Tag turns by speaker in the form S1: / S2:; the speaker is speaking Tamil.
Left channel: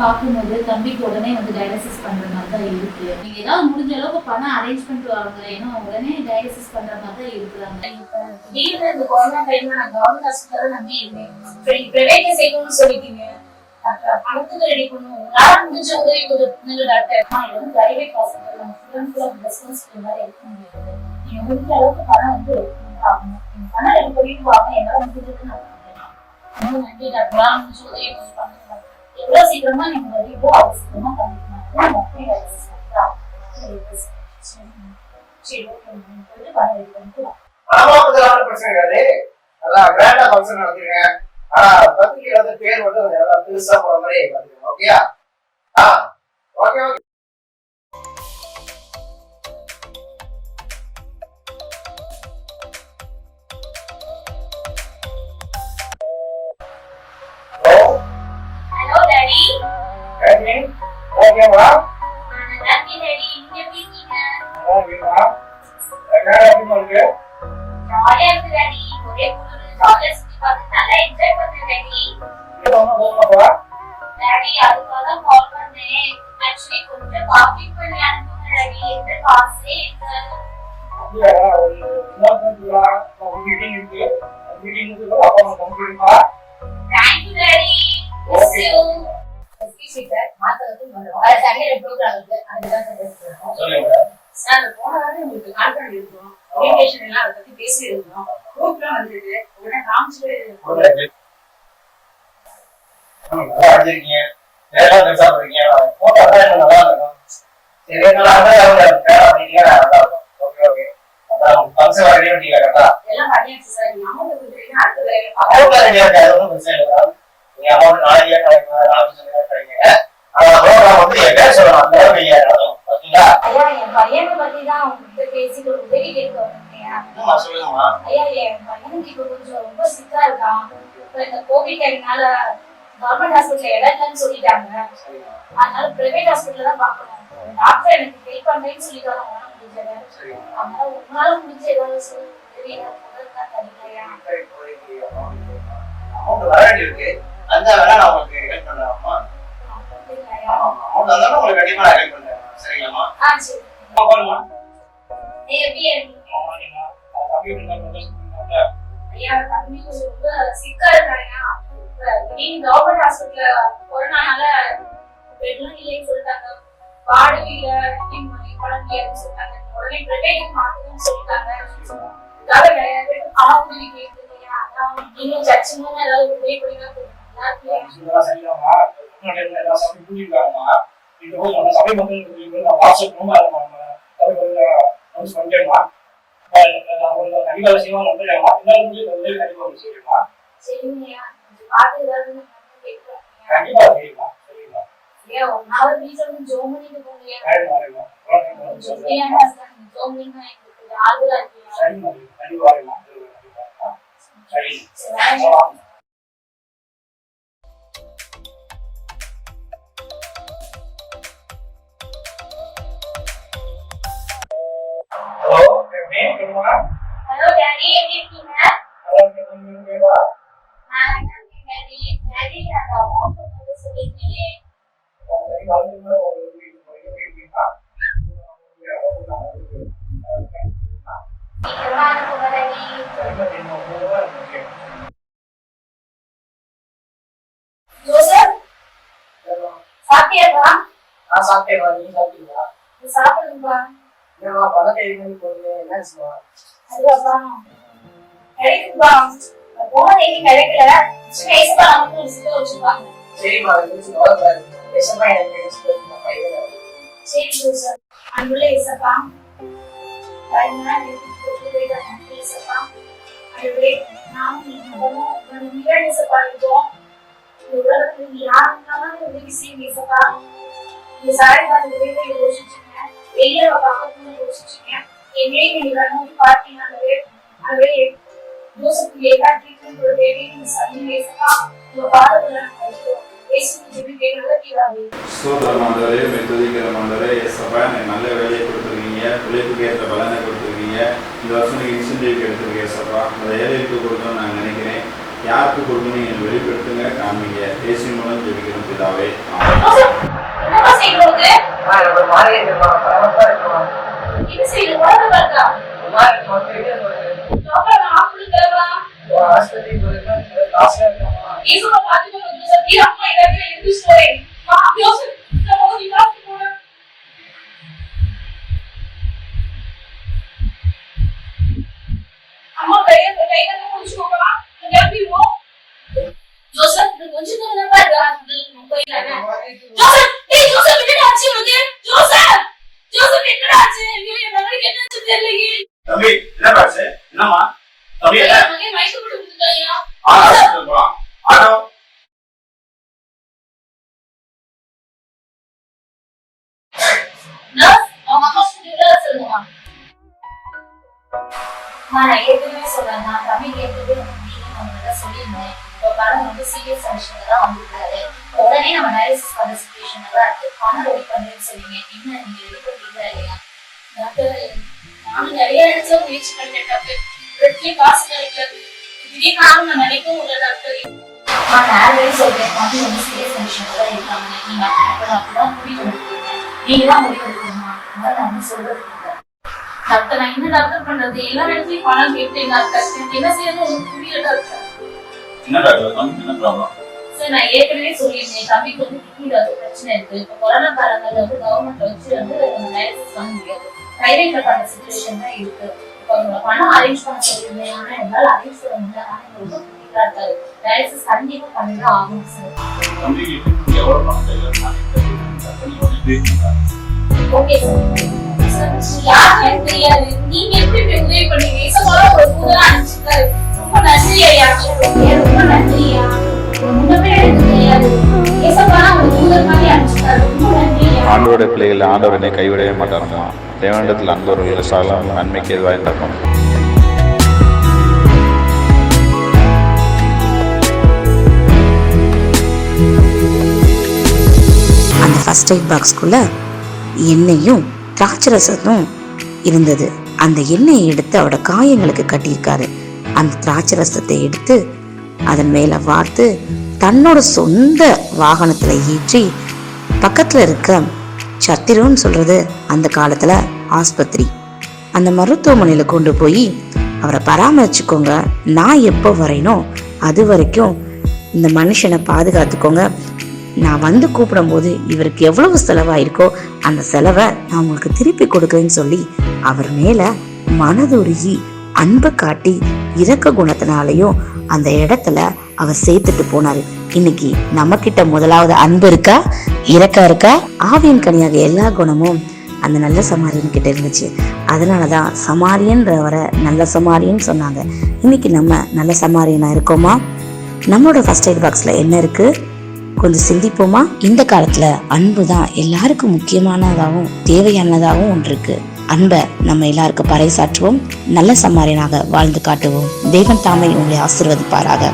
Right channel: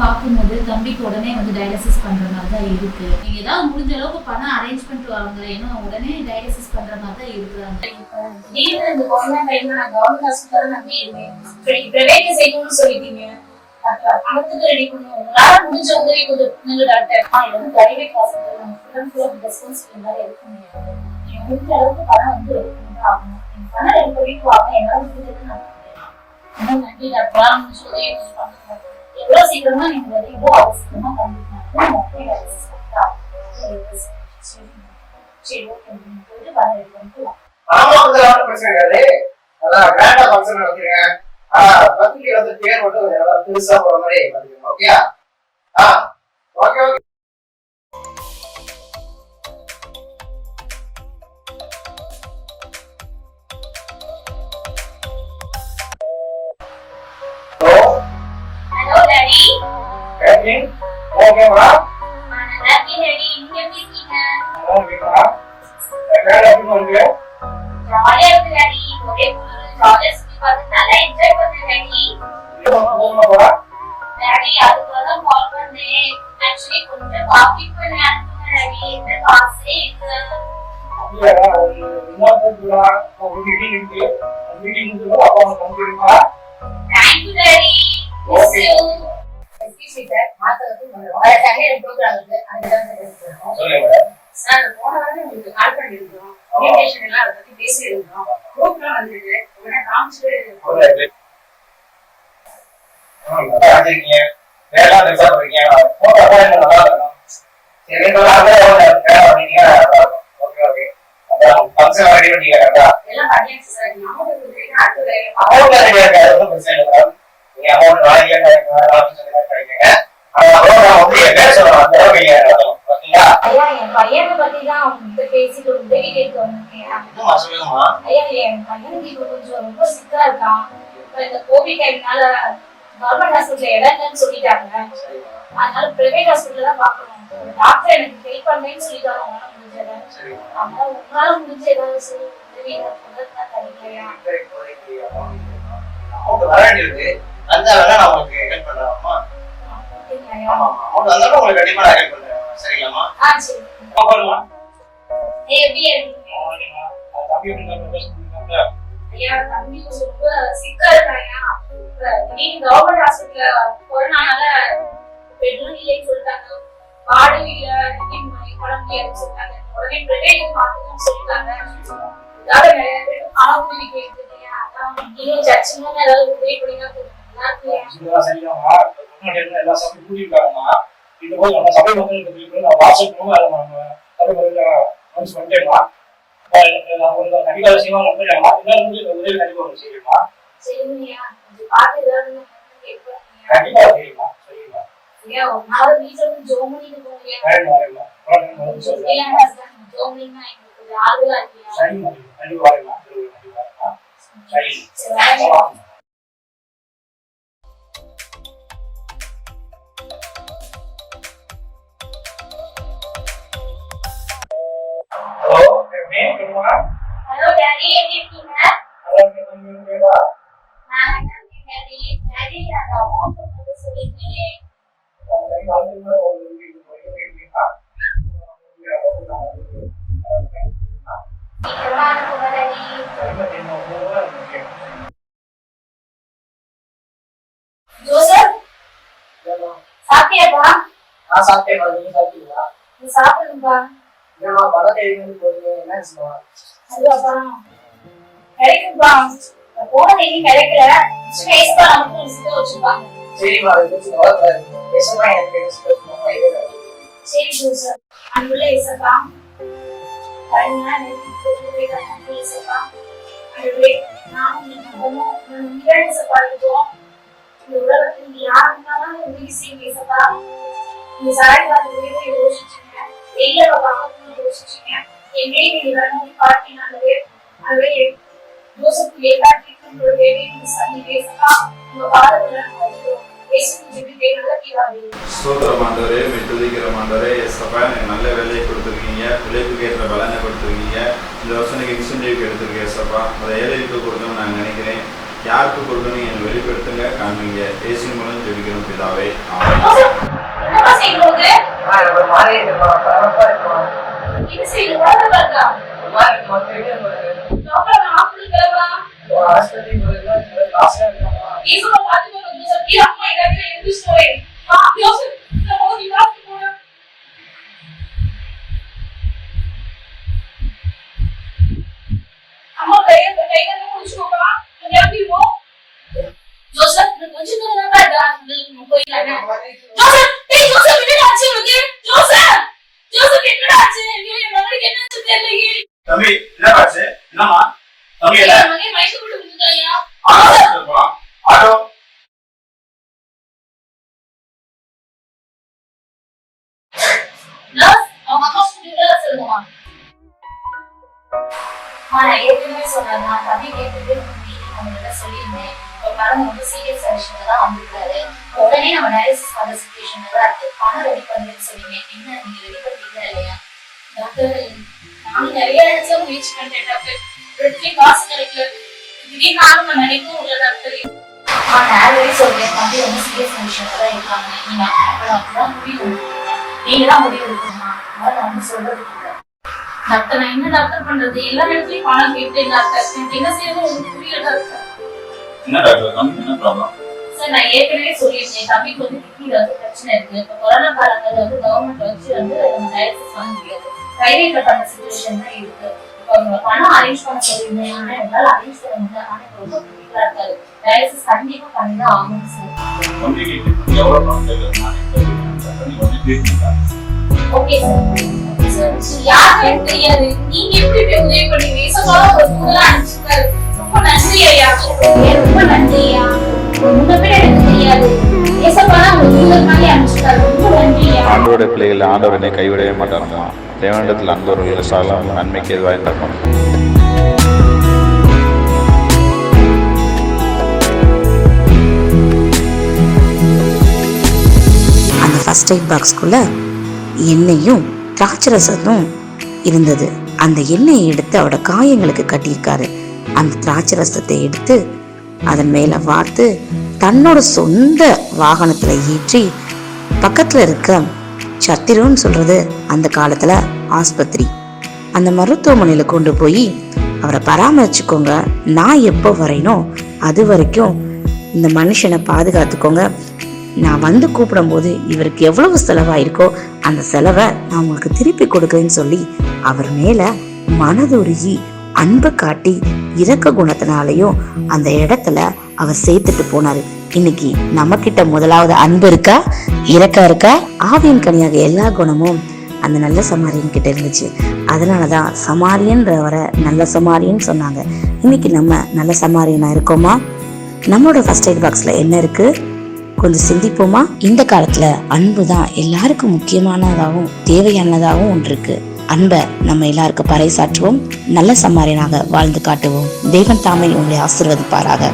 S1: பார்க்கும்போது தம்பிக்கு உடனே வந்து டயாலிசிஸ் பண்ணுற மாதிரி தான் இருக்கு. நீங்கள் ஏதாவது முடிஞ்ச அளவுக்கு பணம் அரேஞ்ச் பண்ணிட்டு வாங்க ஏன்னா உடனே டயாலிசிஸ் பண்ணுற மாதிரி தான் இருக்கிறாங்க
S2: இந்த கொரோனா டைம்ல நான் கவர்மெண்ட் ஹாஸ்பிட்டல் நம்பி இருந்தேன் செய்யணும்னு சொல்லிட்டீங்க. பணத்துக்கு ரெடி பண்ணுவோம் உங்களால முடிஞ்ச உதவி டாக்டர் இது வந்து பிரைவேட் ஹாஸ்பிட்டல் நம்ம ஃபுல் ஃபுல் இருக்க முடியாது. முடிஞ்ச அளவுக்கு பணம் வந்து ஆகணும் பணம் வாங்க. முடிஞ்சது நான் நன்றி டாக்டர். முடிஞ்ச உதவி பண்ணுங்க எவ்வளவு சீக்கிரமா நீங்க வருவீங்களோ அவ்வளவு சீக்கிரமா சரி ஓகே நீங்க வர
S3: பிரச்சனை கிடையாது அதான் வேண்டாம் ஃபங்க்ஷன் நடத்துங்க ஆனா பத்திரிக்கை வந்து பேர் மட்டும் பெருசா போற மாதிரி பண்ணுங்க ஓகே ஆ ஓகே ஓகே.
S2: ஜாலியா இருக்கு டாடி ஒரே குளிர் ஜாலியா சுத்தி பார்த்து நல்லா என்ஜாய் பண்ணேன் டாடி
S3: இது ஒன்றும் போகணும் போறா
S2: டாடி அதுக்காக தான் கால் பண்ணேன் ஆக்சுவலி கொஞ்சம் பாக்கெட் பண்ணி அனுப்புங்க டாடி எந்த காசே இல்ல
S3: ஒரு மீட்டிங் இருக்கு மீட்டிங் அப்பா பண்ணிருக்கா
S2: thank you daddy miss you excuse sir மாத்தறது வர சண்டே ப்ரோக்ராம் இருக்கு அதுதான் சார்
S3: சொல்லுங்க
S2: சார் போன வாரம் உங்களுக்கு கால் பண்ணிருந்தோம் இன்விடேஷன் எல்லாம் அதை பத்தி பேசியிருந்தோம். ப்ரோக்ராம் வந்திருக்கு. உடனே காமிச்சிட்டு
S3: போட்டோ
S2: உங்ககிட்ட பேசிட்டு உதவி கேட்க
S3: சொல்லுங்கம்மா
S2: ஐயா என் பையனுக்கு கொஞ்சம் ரொம்ப சிக்கா இருக்கான் இந்த கோவிட் டைம்னால கவர்மெண்ட் ஹாஸ்பிட்டல் இடம் இல்லைன்னு சொல்லிட்டாங்க அதனால பிரைவேட் ஹாஸ்பிட்டல் தான் பார்க்கணும் டாக்டர் எனக்கு ஹெல்ப் பண்றேன்னு சொல்லிட்டாரு முடிஞ்சது அதனால உங்களால முடிஞ்ச ஏதாவது உதவி
S3: அமௌண்ட் வர வேண்டியிருக்கு அந்த வேலை நான் உங்களுக்கு ஹெல்ப் பண்றேன்மா
S2: அப்படிங்களாய்யா?
S3: ஆமா அமௌண்ட் வந்தாலும் உங்களுக்கு கண்டிப்பா நான் ஹெல்ப் பண்றேன் சரிங்களாம்மா
S2: ஆ சரி
S3: பாருங்க
S2: நீ எப்படி இருக்கீங்க ஐயா தம்பி கொஞ்சம் ரொம்ப சிக்கா இருக்காயா திடீர்னு கவர்மெண்ட் ஹாஸ்பிட்டல்ல கொரோனானால பெட்ரூம் இல்லைன்னு சொல்லிட்டாங்க. வாடகை இல்ல திடீர்னு குழம்பு சொல்லிட்டாங்க. உடனே பிரைவேட் மாத்துங்கன்னு சொல்லிட்டாங்க. இதால நிறைய பேர் பணம் உதவி கேட்டுருக்கீங்க அதான் இன்னும் ஏதாவது உதவி கொடுங்க நாள் வீட்டுல கொஞ்சம் ஜோம் பண்ணிட்டு போங்கய்யா உதவி கண்டிப்பாக பண்ணினா எங்களுக்கு ஆறுதலா இருக்கியா சரி வரேன். சாப்பிட்டியாப்பா
S3: நான் சாப்பிட்டேன் நீங்க சாப்பிட்டீங்களா
S2: நீ சாப்பிடுங்கப்பா
S3: இல்லைம்மா பணம் தேவைன்னு போடுங்க என்னன்னு சொல்லுவாங்க
S2: அதுவாப்பா கிடைக்கும்பா போன தேதி கிடைக்கல ஸ்பேஸ்பா நமக்கு ஒரு சித்த
S3: கொஞ்சம் விஷமா எனக்கு
S2: சரி அன்புள்ள இசப்பா. யோசிச்சுங்க. நீங்க யோசிப்பு எல்லாத்தையும் ஒரு தேவையை சந்திங்க இசப்பா உங்க பாதத்துல வைக்கிறோம் பேசும் ஜெபி தேவைகளை தீவாவே
S4: ஸ்தோத்திரம் ஆண்டவரே மை துதிக்கிற ஆண்டவரே எஸ்அப்பா எனக்கு நல்ல வேலையை கொடுத்துருக்கீங்க பிள்ளைக்கு ஏற்ற பலனை கொடுத்துருக்கீங்க. இந்த வருஷம் நீங்கள் இன்சென்டிவ் எடுத்துருக்கீங்க எஸ்அப்பா அதை ஏழைக்கு கொடுக்கணும்னு நான் நினைக்கிறேன். யாருக்கு கொடுக்கணும் எனக்கு வெளிப்படுத்துங்க காமிங்க பேசின் மூலம் பிதாவே.
S3: ஒரு ஆஸ்பத்திரி போயிருந்தா காசா இருக்கமா
S2: இயேசுவை பார்த்துட்டு நான் ஏற்கனவே சொன்னேன் நான் தம்பி கேட்டது உங்ககிட்ட சொல்லியிருந்தேன். படம் ரொம்ப சீரியஸ் தான் வந்திருக்காரு. உடனே நம்ம டயாலிசிஸ் பண்ற சுச்சுவேஷன்ல தான் இருக்கு. பணம் ரெடி பண்ணுறேன்னு சொல்லுங்க என்ன நீங்க ரெடி பண்ணுறீங்களா இல்லையா? டாக்டர் நானும் நிறைய இடத்துல முயற்சி பண்ணிட்டேன் டாக்டர் ரெட்டி காசு கிடைக்கல திடீர்னு நானும் நான் டாக்டர் தான் இருக்காங்க. நீங்க முடிவு தான் முடிவு எடுக்கணுமா? அதான் நான் வந்து சொல்றது டாக்டர் நான் என்ன டாக்டர் பண்றது எல்லா இடத்துலயும் பணம் கேட்டேன் டாக்டர் எனக்கு என்ன செய்யறது புரியல டாக்டர்
S4: என்ன டாக்டர் தம்பி என்ன ப்ராப்ளம்
S2: சார் நான் ஏற்கனவே சொல்லியிருந்தேன் தம்பிக்கு வந்து கிட்னில வந்து பிரச்சனை இருக்கு இப்போ கொரோனா காலங்கள்ல வந்து கவர்மெண்ட் வச்சு வந்து டயாலிசிஸ் வாங்க முடியாது பிரைவேட்ல பண்ண சுச்சுவேஷன் தான் இருக்கு பணம் அரேஞ்ச் பண்ண சொல்லியிருந்தேன் ஆனா எங்களால் அரேஞ்ச் பண்ண முடியல ஆனா ரொம்ப பிடிக்கல இருக்காரு டயாலிசிஸ் கண்டிப்பா பண்ணி தான் ஆகணும் சார்
S4: தம்பிக்கு எவ்வளோ பணம்
S2: ஓகே சார் யாருக்கு எனக்கு தெரியாது நீங்க எப்படி இப்படி உதவி பண்ணீங்க ஒரு புதலா அனுப்பிச்சிருக்காரு ரொம்ப நன்றி ஐயா ஏன் ரொம்ப நன்றி ஐயா முன்னமே எனக்கு தெரியாது ஏசப்பா ஒரு தூதர் மாதிரி அனுப்பிச்சிருக்காரு ரொம்ப நன்றி ஐயா
S5: ஆண்டோட பிள்ளைகள் ஆண்டவர் என்னை கைவிடவே மாட்டாருமா? தேவனிடத்தில் அன்பவர்கள் சாலம் நன்மைக்கு எதுவாக இருக்கும்
S6: அந்த ஃபர்ஸ்ட் எய்ட் பாக்ஸ்க்குள்ள திராட்சை திராட்சரசமும் இருந்தது. அந்த எண்ணெயை எடுத்து அவரோட காயங்களுக்கு கட்டியிருக்காரு. அந்த திராட்சரசத்தை எடுத்து அதன் மேல வார்த்து தன்னோட சொந்த வாகனத்துல ஏற்றி பக்கத்துல இருக்க சத்திரம்னு சொல்றது அந்த காலத்துல ஆஸ்பத்திரி. அந்த மருத்துவமனையில கொண்டு போய் அவரை பராமரிச்சுக்கோங்க. நான் எப்போ வரேனோ அது வரைக்கும் இந்த மனுஷனை பாதுகாத்துக்கோங்க. நான் வந்து கூப்பிடும்போது இவருக்கு எவ்வளவு செலவாயிருக்கோ அந்த செலவை நான் உங்களுக்கு திருப்பி கொடுக்குறேன்னு சொல்லி அவர் மேல மனதுருகி அன்பு காட்டி இறக்க குணத்தினாலையும் அந்த இடத்துல அவர் சேர்த்துட்டு போனாரு. இன்னைக்கு நம்ம கிட்ட முதலாவது அன்பு இருக்கா? இரக்கம் இருக்கா? ஆவியின் கனியாக எல்லா குணமும் அந்த நல்ல சமாரியன் கிட்ட இருந்துச்சு. அதனால தான் சமாரியன்றவரை நல்ல சமாரின்னு சொன்னாங்க. இன்னைக்கு நம்ம நல்ல சமாரியனா இருக்கோமா? நம்மளோட ஃபர்ஸ்ட் எய்ட் பாக்ஸில் என்ன இருக்குது கொஞ்சம் சிந்திப்போமா? இந்த காலத்துல அன்பு தான் எல்லாருக்கும் முக்கியமானதாகவும் தேவையானதாகவும் ஒன்று இருக்கு அன்பை நம்ம எல்லாருக்கும் பறைசாற்றுவோம். நல்ல சம்மாரியனாக வாழ்ந்து காட்டுவோம். தேவன் தாமை உங்களை ஆசிர்வதிப்பாராக.